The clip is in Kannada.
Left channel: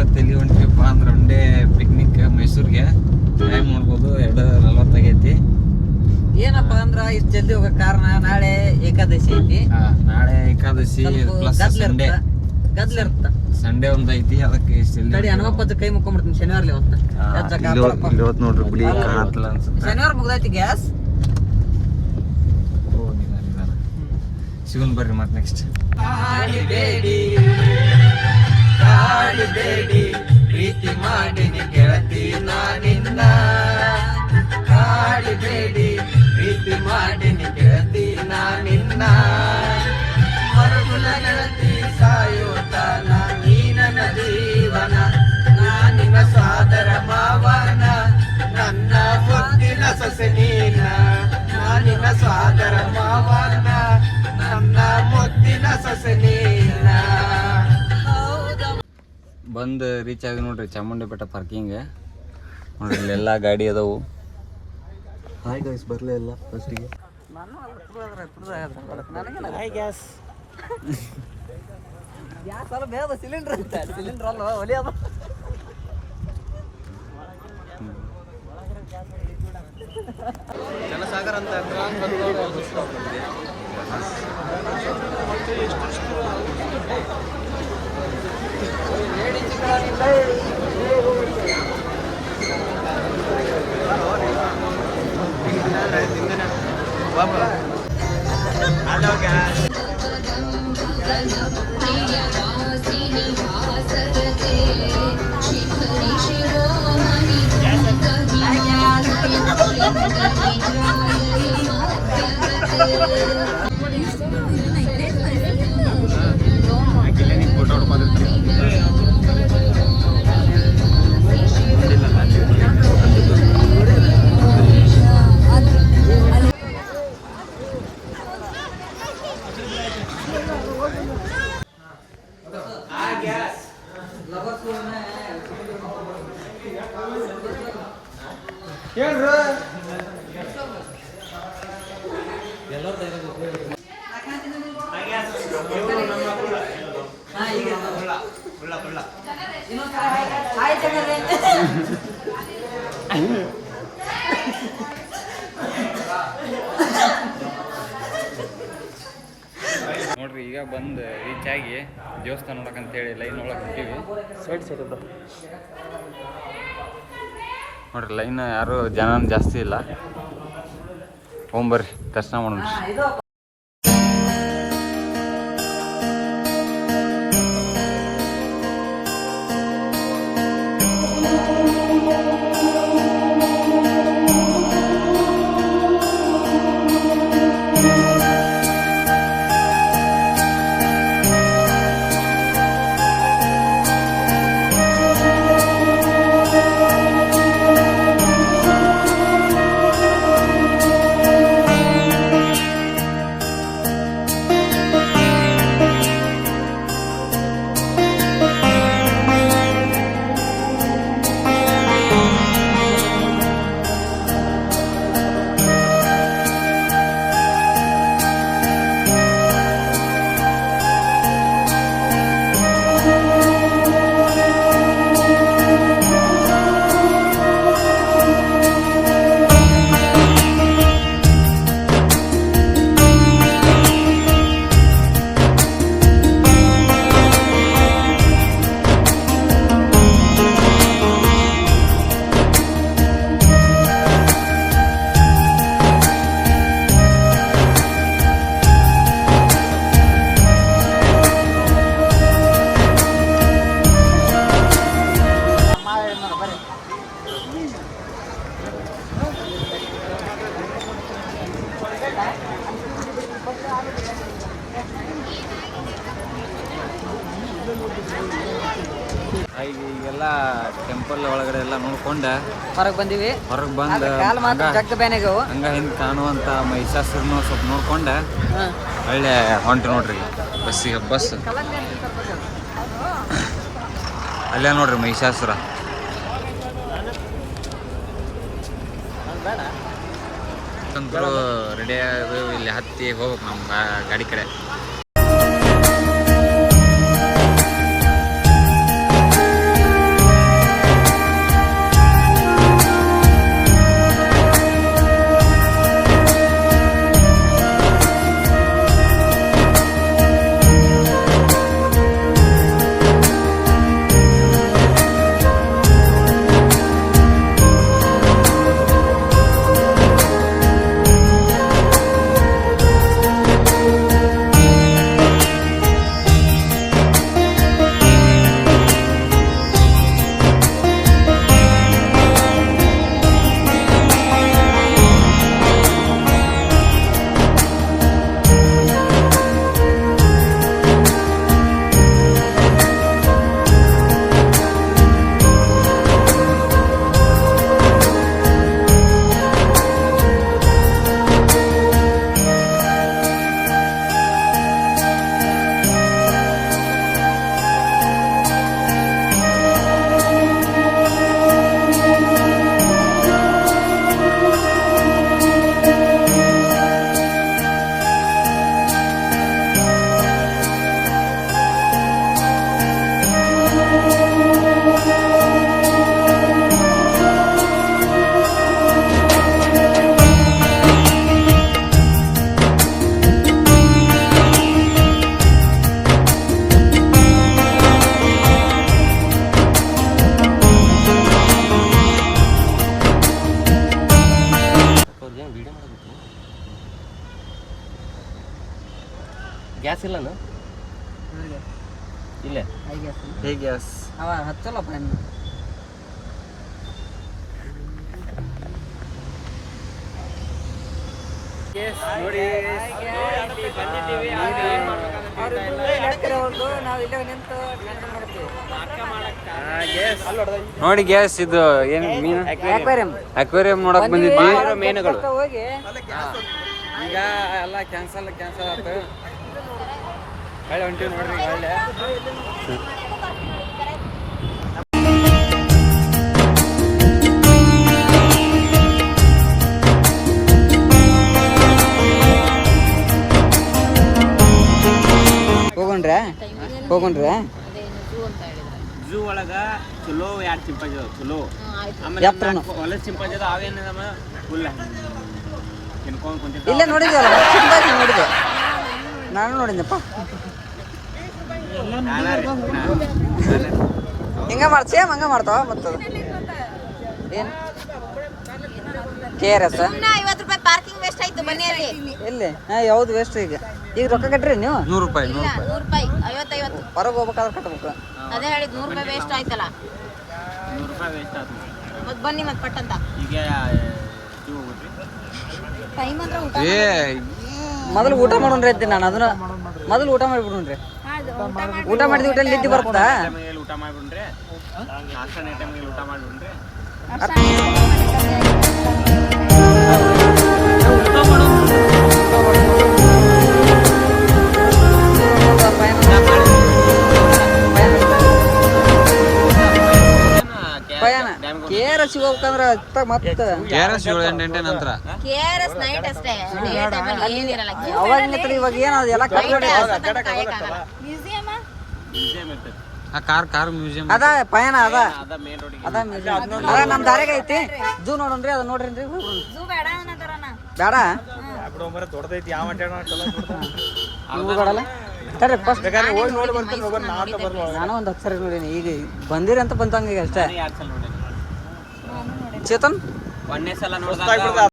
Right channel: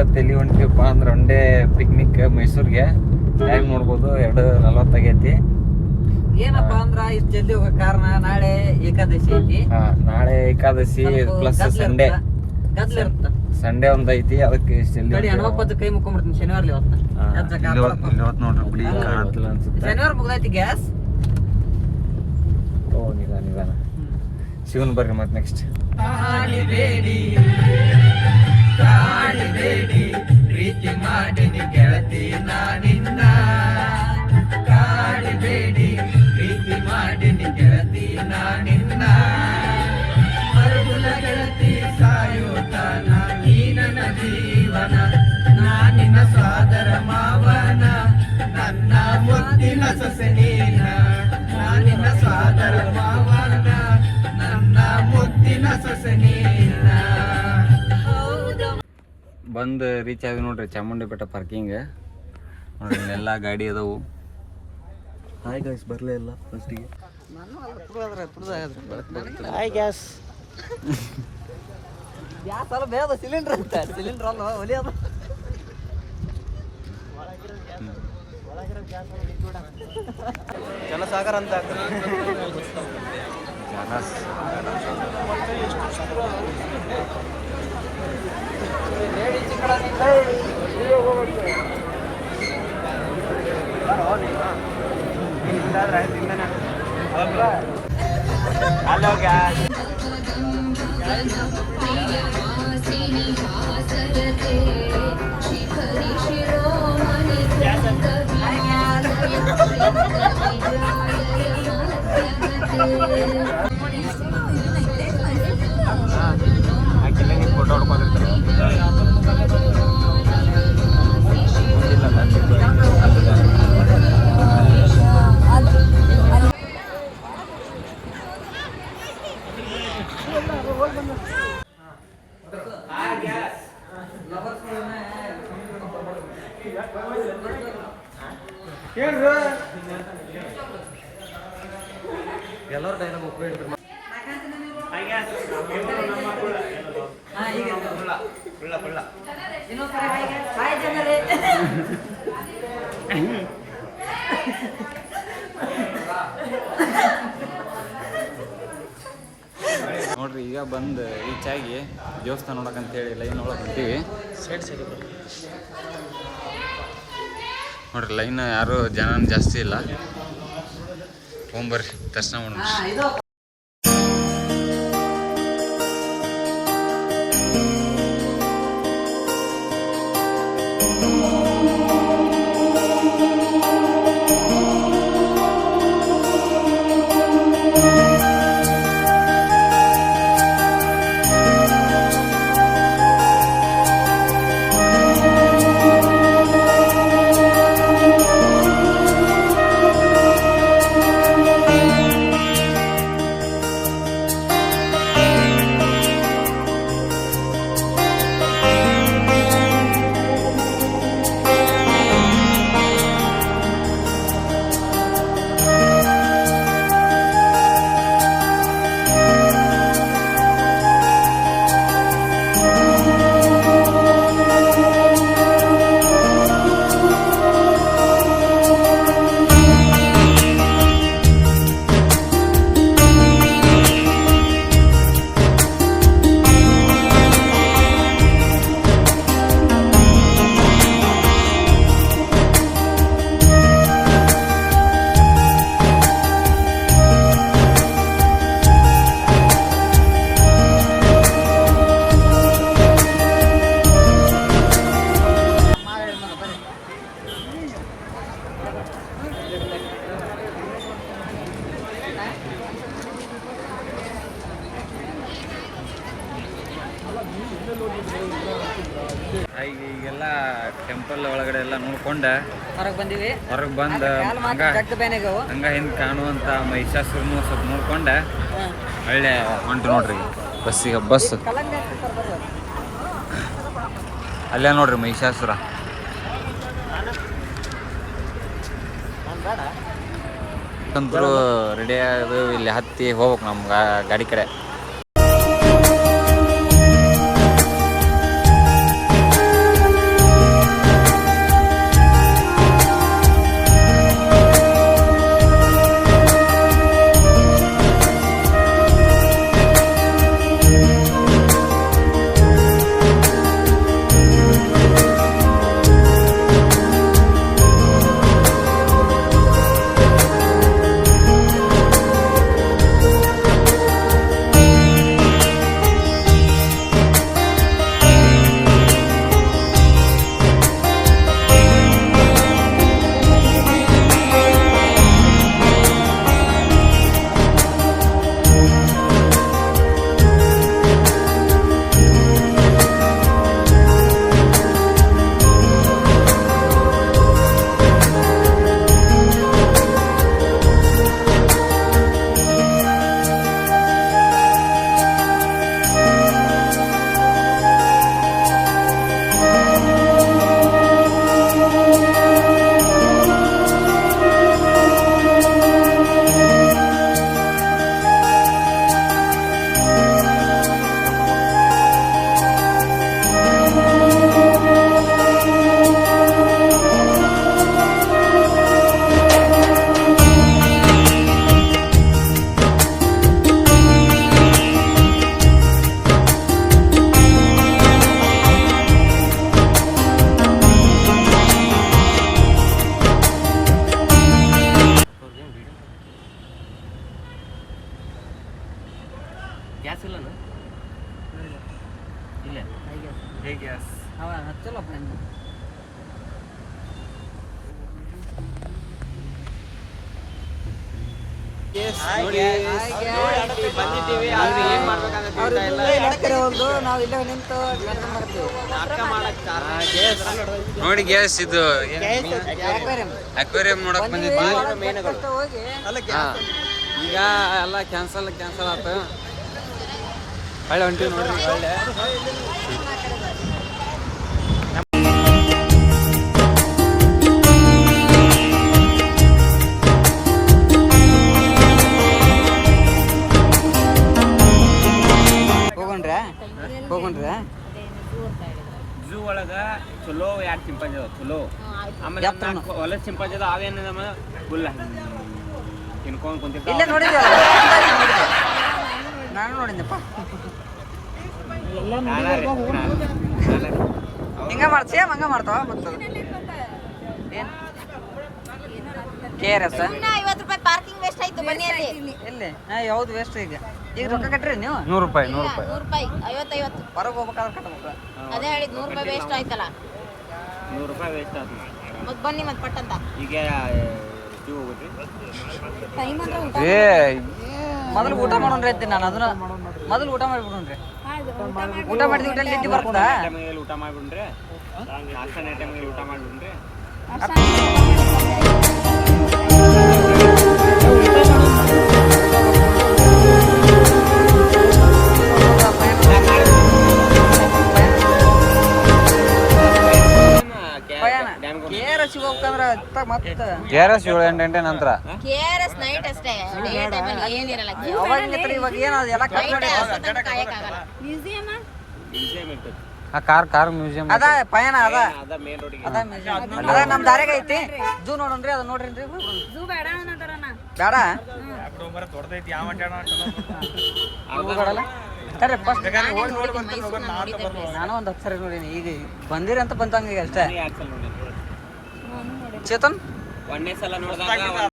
ಇವತ್ತು ಎಲ್ಲಿ ಹೊಂಟ್ರಿಪ್ಪ ಅಂದ್ರೆ ಒನ್ ಡೇ ಪಿಕ್ನಿಕ್ ಮೈಸೂರಿಗೆ. ಟೈಮ್ ನೋಡ್ಬೋದು 2:40 ಆಗೈತಿ. ಏನಪ್ಪಾ ಅಂದ್ರ ಇಷ್ಟು ಜಲ್ದಿ ಹೋಗೋ ಕಾರಣ ನಾಳೆ ಏಕಾದಶಿ ಐತಿ. ನಾಳೆ ಏಕಾದಶಿ ಪ್ಲಸ್ ಸಂಡೇ ಸಂಡೇ ಒಂದ್ ಐತಿ. ಅದಕ್ಕೆ ಹನುಮಪ್ಪತ್ತು ಕೈ ಮುಕ್ಕೊಂಡ್ಬಿಡ್ತೀನಿ ಶನಿವಾರ ಇವತ್ತು ನೋಡ್ರಿ ಬಿಡಿ ಕಾಣತ್ತಲ್ಲ ಅನ್ಸುತ್ತೆ. ಶನಿವಾರ ಮುಗ್ದೈತಿ ಗ್ಯಾಸ್. ಓ ನಿಧಾನ ಸಿಗೋನ್ ಬರ್ರಿ ಮತ್ತೆ ನೆಕ್ಸ್ಟ್. ಪ್ರೀತಿ ಮಾಡಿನಿ ಗೆಳತಿ ನಾನಿಂದ, ಕಾಡಿಬೇಡಿ ಪ್ರೀತಿ ಮಾಡಿನಿ ಗೆಳತಿ ನಾನಿಂದ, ಮರುಗುಣ ಗೆಳತಿ ಸಾಯುತ್ತಾನ ನೀ ನನ್ನ ಜೀವನ, ನಾನಿನ ಸಾದರ ಮಾವನ, ನನ್ನ ಮುತ್ತಿನ ಸೊಸೆ ನೀನ, ನಾನಿನ ಸಾದರ ಮಾವನ, ನನ್ನ ಮುತ್ತಿನ ಸೊಸೆ ನೀನ. ಬಂದು ರೀಚ್ ಆಗಿ ನೋಡ್ರಿ ಚಾಮುಂಡಿ ಬೆಟ್ಟ ಪಾರ್ಕಿಂಗ್. ಇಲ್ಲೆಲ್ಲ ಗಾಡಿ ಅದಾವು. ಹಾಯ್ ಗೈಸ್ ಬರಲೇ ಇಲ್ಲ ಫಸ್ಟಿಗೆ. ಹಾಯ್ ಗ್ಯಾಸ್ ಗ್ಯಾಸ್ ಅಲ್ಲ ಬೇಡ ಸಿಲಿಂಡರ್ ಅಂತ. ಸಿಲಿಂಡರ್ ಅಲ್ಲ ಒಲಿ ಅದು. ಜನಸಾಗರ ಅಂತ ಎಲ್ಲರೂ ನೋಡ್ರಿ ಈಗ ಬಂದು ರೀಚ್ ಆಗಿ ದೇವಸ್ಥಾನ ನೋಡಕ್ಕಂತೇಳಿ ಲೈನ್ ಒಳಗೆ ಹೊಂಟೀವಿ. ಸೈಡ್ ನೋಡ್ರಿ ಲೈನ್ ಯಾರು ಜನ ಜಾಸ್ತಿ ಇಲ್ಲ. ಹೋಗ್ಬರ್ರಿ ದರ್ಶನ ಮಾಡೋಣ. ಈಗೆಲ್ಲ ಟೆಂಪಲ್ ಒಳಗಡೆ ಎಲ್ಲ ನೋಡ್ಕೊಂಡೆ ಹೊರಗೆ ಬಂದಿವಿ. ಹೊರಗೆ ಬಂದು ಹಂಗ ಹಿಂದೆ ಕಾಣುವಂಥ ಮಹಿಷಾಸುರನು ಸ್ವಲ್ಪ ನೋಡ್ಕೊಂಡೆ ಒಳ್ಳೆ ಹೊಂಟು ನೋಡ್ರಿ ಬಸ್ಸಿಗೆ. ಬಸ್ ಅಲ್ಲೇ ನೋಡ್ರಿ ಮಹಿಷಾಸುರ. ಅಂತರೂ ರೆಡಿ ಆಗೋದು ಇಲ್ಲಿ ಹತ್ತಿ ಹೋಗ್ಬೇಕು ನಮ್ಮ ಗಾಡಿ ಕಡೆ. ಹೇಗೆ ಗ್ಯಾಸ್ ಹಚ್ಚಲ್ಲಪ್ಪ ನೋಡಿ ನೋಡಿ ಗ್ಯಾಸ್ ಇದು ಅಕ್ವೇರಿಯಂ ನೋಡಕ್ ಬಂದಿದ್ವಿ ಈಗ ಎಲ್ಲ ಕ್ಯಾನ್ಸಲ್ ಆಯ್ತು ಒಳ್ಳೆ ಹೊಂಟಿವಿ ನೋಡ್ರಿ ಒಳ್ಳೆ ಹೋಗೊಂಡ್ರೆ ಝೂ ಒಳಗ ಚಲೋ 2 ಚಿಂಪಾಂಜಿ ಅದಾವ ಚಲೋ ಆಮೇಲೆ ಹೊಲಸ್ ಚಿಂಪಾಂಜಿ ಅದಾವ ಅವೇನ ಫುಲ್ ತಿನ್ಕೊಂಡ್ ಕುಂತಿರ್ತಾವ ಇಲ್ಲ ನೋಡಿದ್ವಲ್ಲ ನೋಡಿದ್ದೆ ನಾನು ನೋಡಿದ್ದಪ್ಪ ಹಿಂಗ ಮಾಡ್ತೀಯ ಹಂಗ ಮಾಡ್ತಾವ ಮತ್ತದು ಏನು KRS 50 ರೂಪಾಯಿ ಪಾರ್ಕಿಂಗ್ ವೇಸ್ಟ್ ಆಯ್ತು ಬನ್ನಿ ಅಲ್ಲಿ ಎಲ್ಲಿ ಯಾವ್ದು ವೇಸ್ಟ್ ಈಗ ರೊಕ್ಕ ಕಟ್ರಿ ನೀವು 100 ರೂಪಾಯಿ 100 ರೂಪಾಯಿ 50 ಹೊರಗೆ ಹೋಗ್ಬೇಕಾದ್ರೆ ಕಟ್ಬೇಕು ಅದೇ ಹೇಳಿದ್ 100 ರೂಪಾಯಿ ವೇಸ್ಟ್ ಆಯ್ತಲ್ಲ 100 ರೂಪಾಯಿ ವೇಸ್ಟ್ ಆಯ್ತು ಮತ್ ಬನ್ನಿ ಮತ್ ಪಟ್ಟಂತ ಈಗ ಇದು ಹೋಗ್ರಿ ಟೈಮ್ ಅಂದ್ರೆ ಊಟ ಮೊದಲು ಊಟ ಮಾಡೋಣ್ರಿ ಅಂತೀನಿ ನಾನು ಅದನ್ನ ಮೊದಲು ಊಟ ಮಾಡಿಬಿಡ್ರಿ ಊಟ ಮಾಡಿದ ಊಟ ನಿದ್ದೆ ಬರ್ತದ ಟೈಮಿಗೆ ಊಟ ಮಾಡ್ಬಿಡ್ರಿ ನಾಷ್ಟಾ ಟೈಮಿಗೆ ಊಟ ಮಾಡ್ಬಿಡ್ರಿ KRS ಹೋಗ್ಬೇಕಂದ್ರ ಮತ್ತೆ KRS 7-8 ನಂತರ KRS ನೈಟ್ ಅಷ್ಟೇ ಡೇ ಟೈಮಲ್ಲಿ ಏನಿರಲ್ಲ ಅವಾಗ ಇವಾಗ ಏನದು ಎಲ್ಲ ಕಟ್ ಮಾಡಿ ಮ್ಯೂಸಿಯಂ ಆ ಕಾರ್ ಮ್ಯೂಸಿಯಂ ಅದ ಪಯಣ ಅದ ಅದ ಮೇನ್ ರೋಡಿಗೆ ಅದ ಮ್ಯೂಸಿಯಂ ಅದ ನಮ್ಮ ದಾರಿಗೆ ಐತಿ ಝೂ ನೋಡೋಣ್ರಿ ಅದ ನೋಡ್ರಿ ಝೂ ಬೇಡ ಅನ್ನತಾರನ ಬೇಡ ದೊಡ್ಡದೈತಿ ಯಾವ ನೀವು ಬೇಡಲ್ಲ ಸರಿ ಫಸ್ಟ್ ನಾನು ಒಂದು 10 ಸರಿ ನೋಡೀನಿ ಈಗ ಬಂದಿರಿ ಅಂತ ಬಂತಂಗ ಈಗ ಅಷ್ಟೇ ಚೇತನ್ ಒಂದೇ ಸಲ ನೋಡಿದಾಗ